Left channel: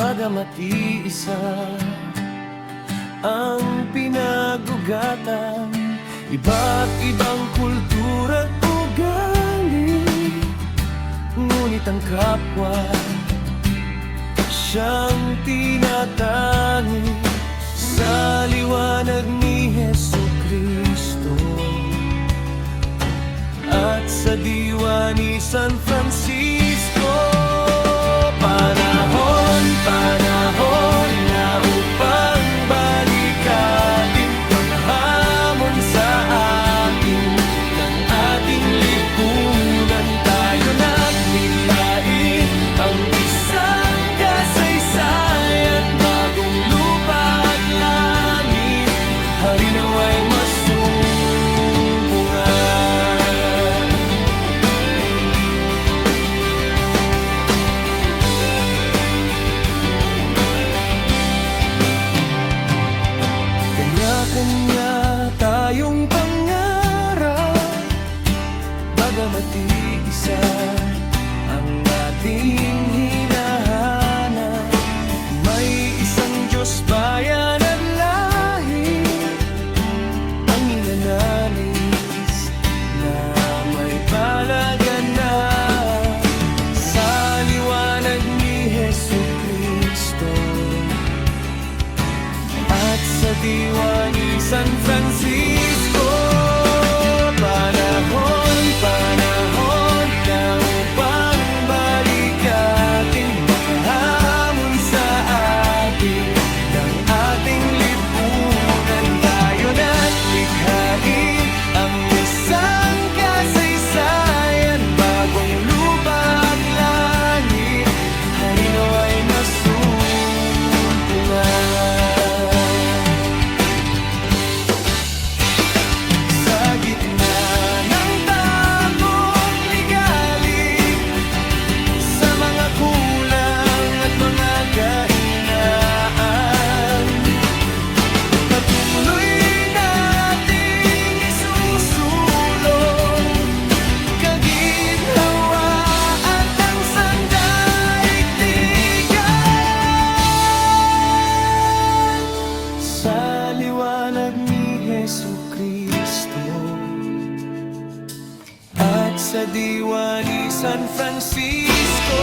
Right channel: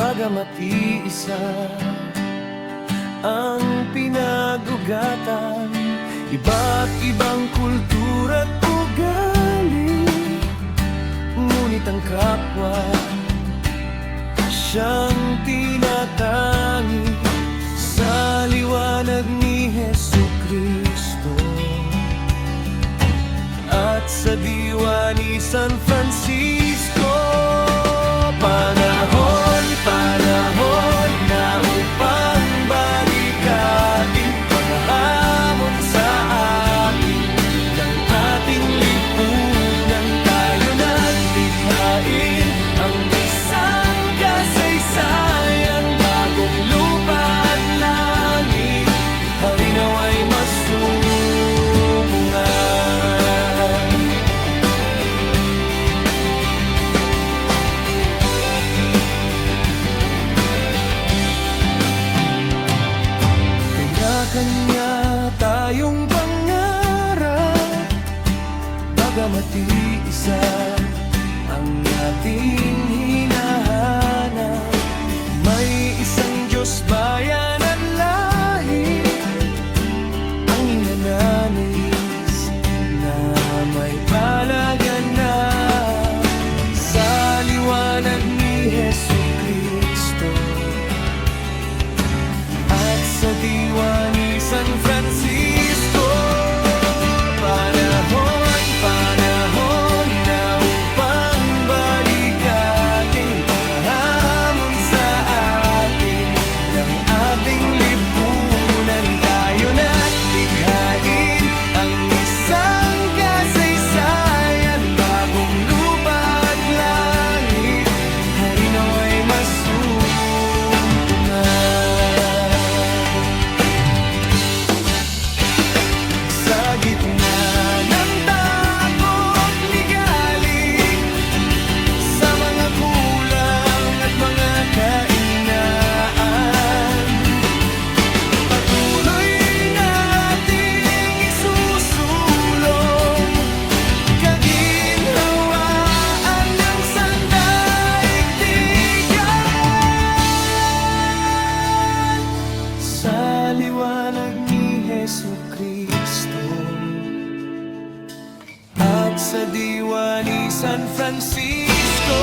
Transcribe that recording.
Bagamat iisa ang pinag-ugatan, iba't ibang kultura at ugali, ngunit ang kapwa siyang tinatangi sa liwanag ni Jesucristo. At sa diwa ni San Francisco, panahon na upang balikatin mga hamon sa atin ng ating lipunan. Tayo naglikhain ang isang kasaysayan, bagong lupa at langit, harinawa'y masubungan. Kanya-kanya tayong pangarap, bagamat iisa ang ating hinahanap. May isang Diyos, bayan at lahi ang inanais na may palaganap sa liwanag ni Jesucristo. At sa diwa ni San Francisco, panahon na upang balikating mga hamon sa atin ng ating lipunan. Tayo na't likhain ang isang kasaysayan, bagong lupa at langit, harinawa'y masumpungan. Sa gitna ng takot ligali, sa mga kulang at mga kahinaan, patuloy nating isusulong kaginhawaan ng sandaigdigan sa liwanag ni Jesucristo. At sa diwa ni San Francisco,